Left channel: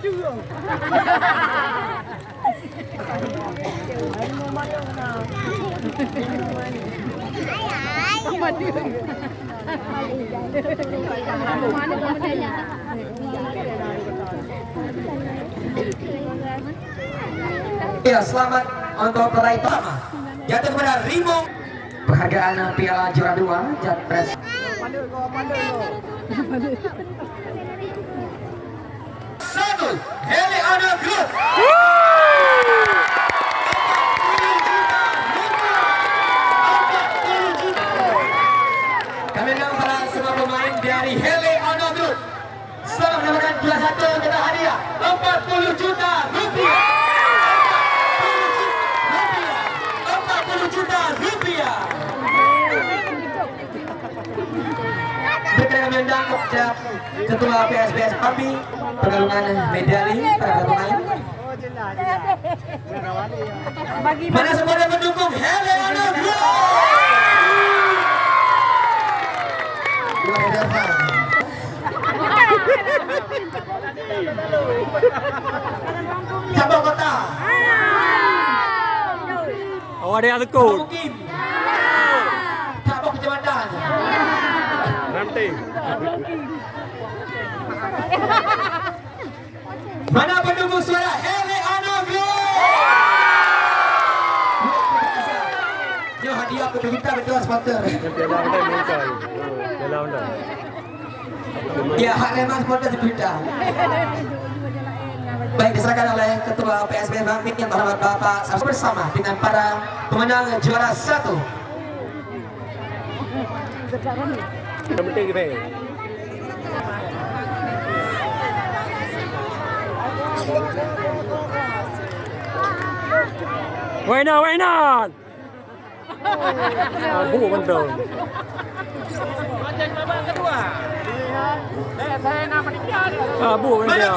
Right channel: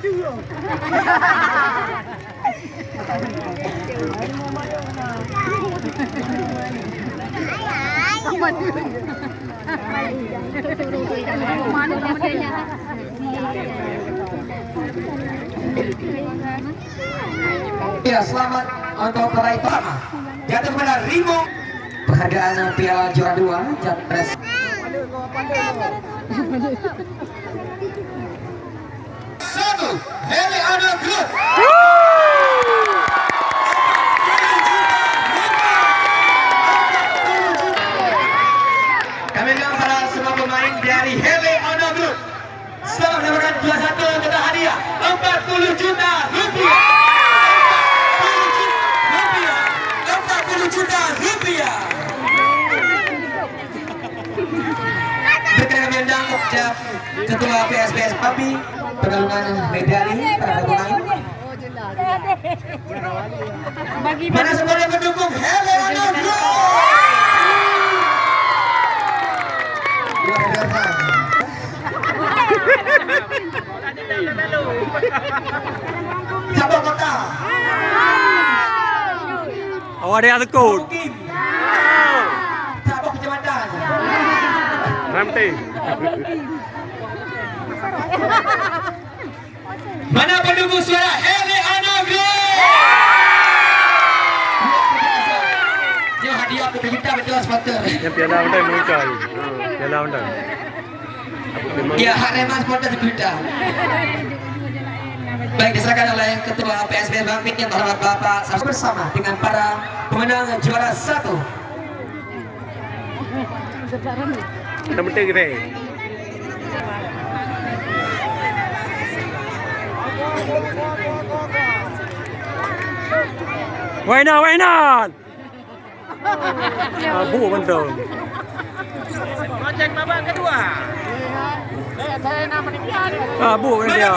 Ya, selamat untuk peraih pertama jatuh kepada Rimo. Penghargaan Piala Juara 2 Japres. Satu, Heliana Group. Kami bilang pada semua pemain dari Heliana Group, selamat mendapatkan juara satu kepada hadiah 40 juta rupiah. 40 juta rupiah. Berkenan undang Ketua PSBS PAPI pergalungan medali para pemain. Mana semua yang mendukung Heliana Group? Luar biasa. Sabang Kota. Awak ada tekut. Sabang Kecamatan. Ramti. Mana pendukung suara Heliana Group? Dia hadiah untuk kita betul sponsor. Yang piala undang muncul. Piala undang. Ya, hak remas sponsor kita. Baik, diserahkan oleh Ketua PSBS Bangkit yang terhormat Bapak bersama dengan para pemenang juara 1. Yang penting kita. Wainan. Abu betul. Project babak kedua. Abu dia.